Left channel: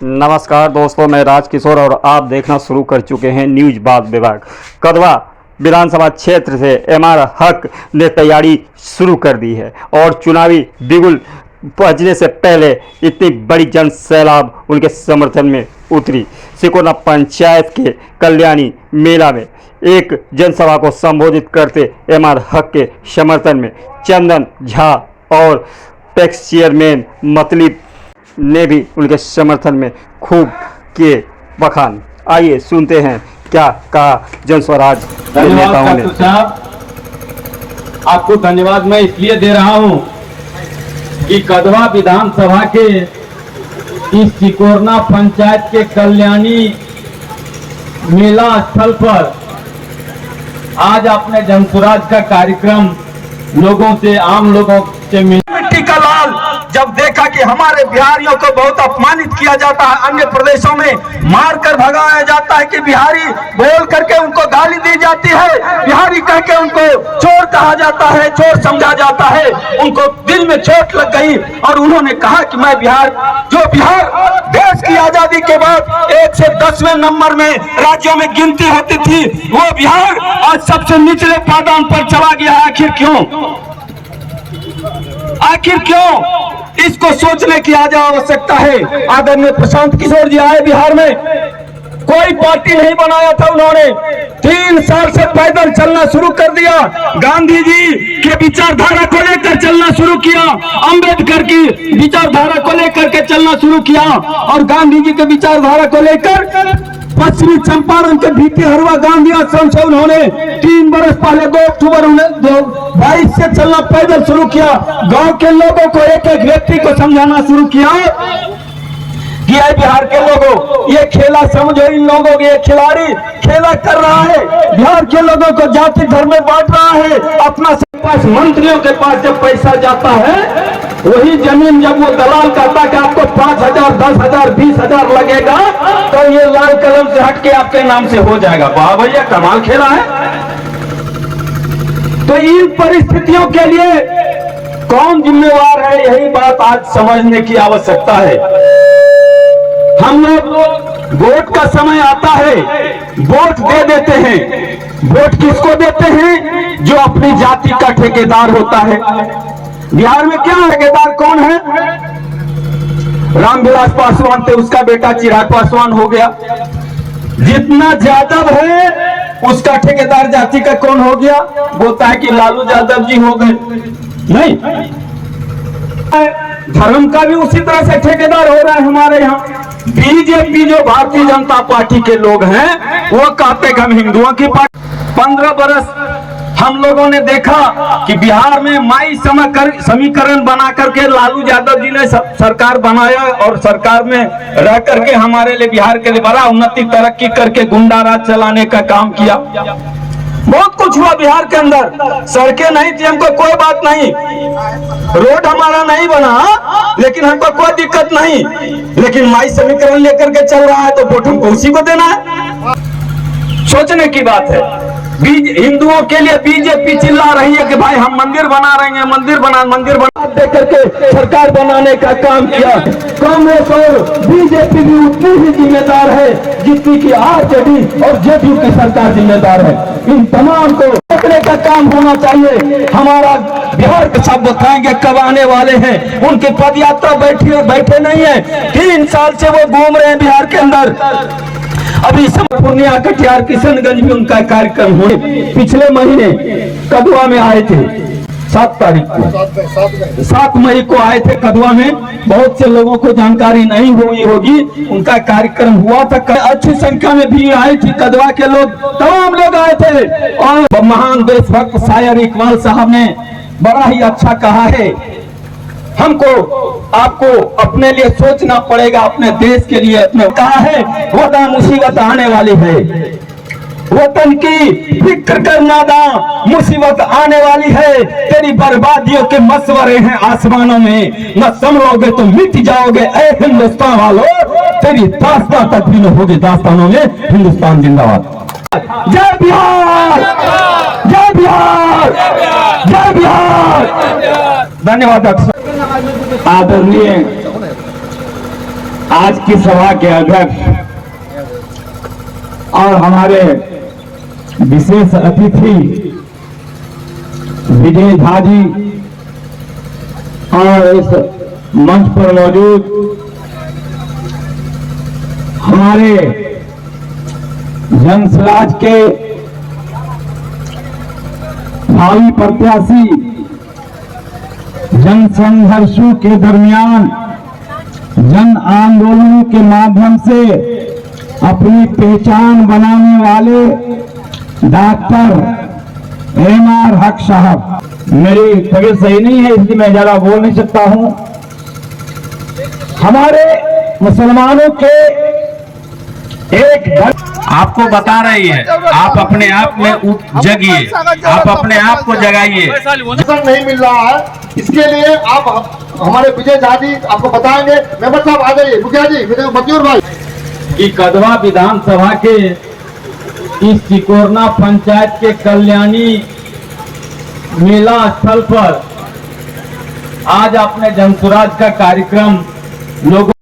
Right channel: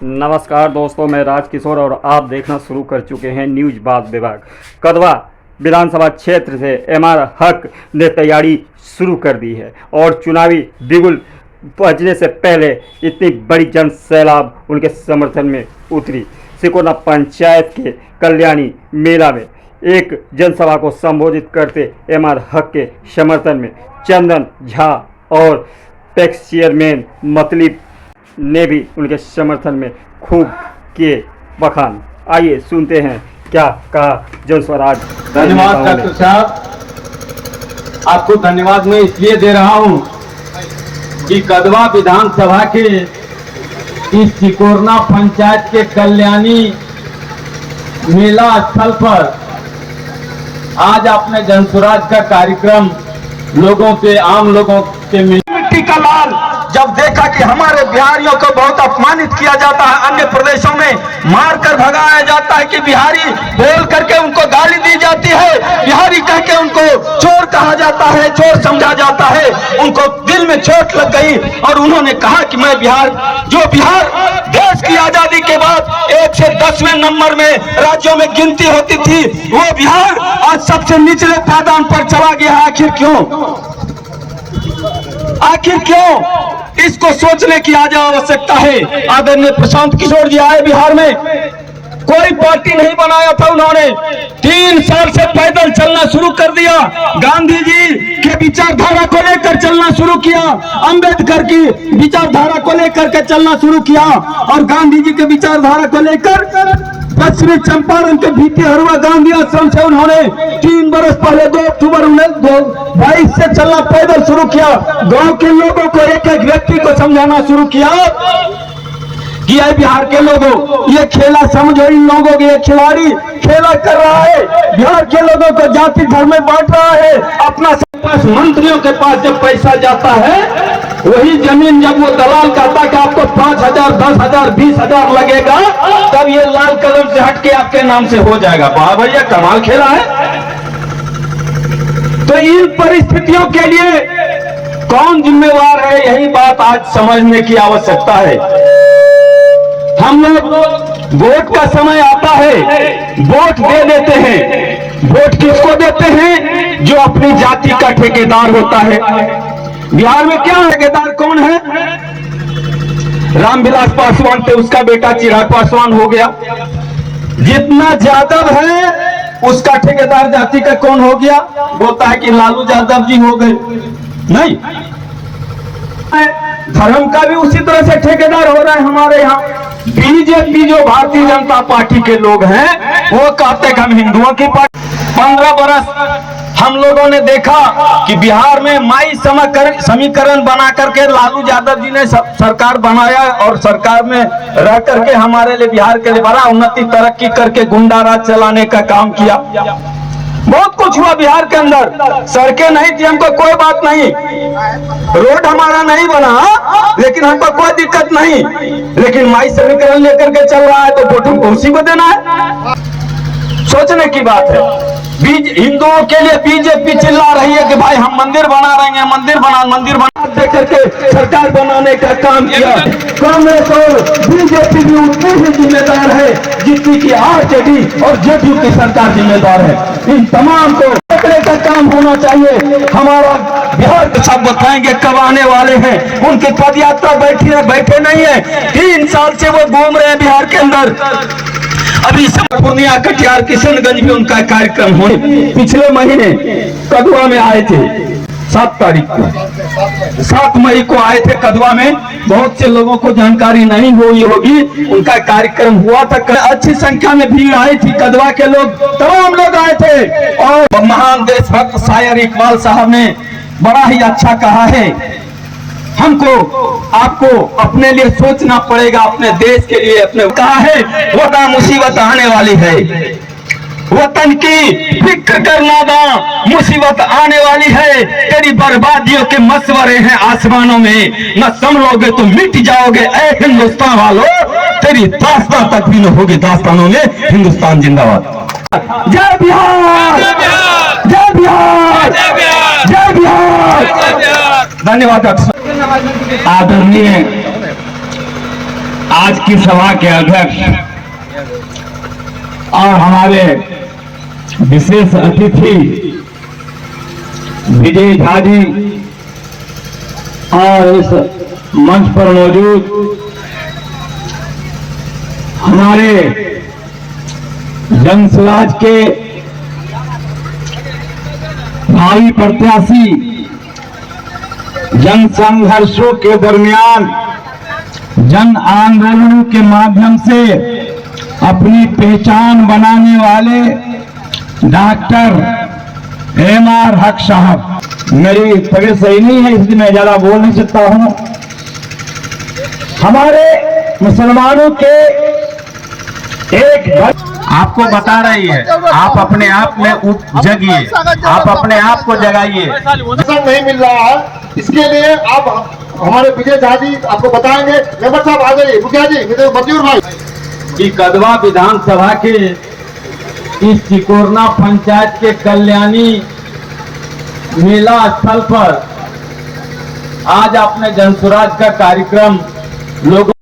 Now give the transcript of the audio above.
नमस्कार दोस्तों, मैं राजकिशोर और आप देखना शुरू कर चुके हैं न्यूज बात विभाग। कदवा विधानसभा क्षेत्र से एमआर हक ने तैयारी शुरू कर दी है और चुनावी बिगुल बजने से पहले इतनी बड़ी जन सैलाब उनके समर्थन में उतरी। सिकोना पंचायत के कल्याणी मेला में एक जनसभा को संबोधित करते एमआर हक के समर्थन में चंदन झा और पैक्स चेयरमैन मतली ने भी उनके समर्थन में खूब किए बखान। आइए सुनते हैं क्या कहा जनस्वराज। धन्यवाद डॉक्टर साहब, आपको धन्यवाद मैं इसलिए दे रहा हूं कि कदवा विधानसभा के इस सिकोना पंचायत के कल्याणी मेला स्थल पर आज आपने जनस्वराज का कार्यक्रम लोगों से, आम लोगों से मिट्टी का लाल जब देखा कि हमारे बिहारियों को बहुत अपमानित किया जाता है, अन्य प्रदेशों में मार कर भगाया जाता है कि बिहारी बोल करके उनको गाली दी जाती है, बिहारी कह के उनको चोर कहा जाता है, चोर समझा जाता है, उनको दिल में चोट लग गई और उन्होंने कहा कि मैं बिहार देश की आजादी के बाद 1 से 10वें नंबर में राज्यों में गिनती होती थी, वो बिहार आज सबसे निचले पायदान पर चला गया। आखिर क्यों? इसको सोचने की आज आवश्यकता है। आदरणीय प्रशांत किशोर जी आए बिहार में, कोई पार्टी नहीं बनाया था उन्होंने, 3 साल से पैदल चलना शुरू कर दिया, गांधी जी के विचारधारा को लेकर चलना शुरू किया, अंबेडकर की विचारधारा को लेकर के चलना शुरू किया और गांधी जी के विचारधारा को लेकर पश्चिमी चंपारण के भीटी हरवा गांधी आश्रम से उन्होंने 3 बरस पहले 2 अक्टूबर 2022 से चलना पैदल शुरू किया। गांव के लोगों को, एक एक व्यक्ति को समझाना शुरू किया कि ये बिहार के लोगों, ये खेला समझो, इन लोगों के खिलाड़ी खेला कर रहा है, बिहार के लोगों को जाति धर्म में बांट रहा है। अपना पास मंत्रियों के पास जब पैसा जाता है, वही जमीन जब वो दलाल कहता कि आपको 5,000, 10,000, 20,000 लगेगा, तो ये लाल कलम से हटके आपके नाम से हो जाएगा। वाह भैया, कमाल खेला है। तो इन परिस्थितियों के लिए कौन जिम्मेवार है, यही बात आज समझने की आवश्यकता है। हम लोग वोट का समय आता है, वोट दे देते हैं। वोट किसको देते हैं? जो अपनी जाति का ठेकेदार होता है। बिहार में क्या ठेकेदार कौन है? रामविलास पासवान थे, उसका बेटा चिराग पासवान हो गया। जितना यादव है उसका ठेकेदार जाति का कौन हो गया? बोलता है कि लालू यादव जी हो गए। नहीं, धर्म का भी उसी तरह से ठेकेदार हो रहा है हमारे यहाँ। बीजेपी जो भारतीय जनता पार्टी के लोग हैं वो कहते हैं हम हिंदुओं की पार्टी। 15 बरस हम लोगों ने देखा कि बिहार में माई समीकरण बना करके लालू यादव जी ने सरकार बनाया और सरकार में रह करके हमारे लिए, बिहार के लिए बड़ा उन्नति तरक्की करके गुंडा राज चलाने का काम किया। बहुत कुछ हुआ बिहार के अंदर। सड़कें नहीं थी, हमको कोई बात नहीं, रोड हमारा नहीं बना, लेकिन हमको कोई दिक्कत नहीं, लेकिन माई समीकरण लेकर के चल रहा है तो वोट हमको उसी को देना है। सोचने की बात है। हिंदुओं के लिए बीजेपी चिल्ला रही है कि भाई हम मंदिर बना रहे हैं, मंदिर बना दे करके सरकार बनाने का काम किया। कांग्रेस और बीजेपी भी उतनी ही जिम्मेदार है जितनी की आरजेडी और जेडीयू की सरकार जिम्मेदार है। इन तमाम को पकड़ने का काम होना चाहिए। हमारा बिहार के सब बताएंगे कब आने वाले हैं, उनके पद यात्रा बैठे नहीं है। 3 साल से वो घूम रहे हैं बिहार के अंदर। अभी पूर्णिया, कटिहार, किशनगंज में उनका कार्यक्रम हुए। पिछले महीने कदवा में आए थे, 7 तारीख को, 7 मई को आए थे कदवा में। बहुत से लोगों को जानकारी नहीं हुई होगी, उनका कार्यक्रम हुआ था। अच्छी संख्या में भीड़ आई थी, कदवा के लोग, तमाम लोग आए थे। और महान देशभक्त शायर इकबाल साहब ने बड़ा ही अच्छा कहा है, हमको आपको अपने लिए सोचना पड़ेगा, अपने देश के लिए। अपने कहा है, वतन मुसीबत आने वाली है, वतन की फिक्र करना दा, मुसीबत आने वाली है। तेरी बर्बादियों के मशवरे हैं आसमानों में, न संभलोगे तो मिट जाओगे ऐ हिंदुस्तान वालों, तेरी दास्तां तक भी न होगी दास्तानों में। हिंदुस्तान जिंदाबाद। जय बिहार, जय बिहार, जय धन्यवाद। आज की सभा के अध्यक्ष और हमारे विशेष अतिथि विजय झा जी और इस मंच पर मौजूद हमारे जन स्वराज के भाई प्रत्याशी, जन संघर्षों के दरमियान जन आंदोलनों के माध्यम से अपनी पहचान बनाने वाले डॉक्टर एमआर हक साहब। मेरी तबीयत सही नहीं है इसलिए मैं ज्यादा बोल नहीं सकता हूं। हमारे मुसलमानों के एक आपको बता रही है, आप अपने आप में जगिए, आप अपने आप को जगाइए। नहीं मिल रहा है, इसके लिए आप हमारे विजय झा जी आपको बताएंगे। मेंबर साहब आ जाइए, मुखिया जी, मजदूर भाई। कि कदवा विधानसभा के इस तिकोरना पंचायत के कल्याणी मेला स्थल पर आज अपने जनसुराज का कार्यक्रम लोगों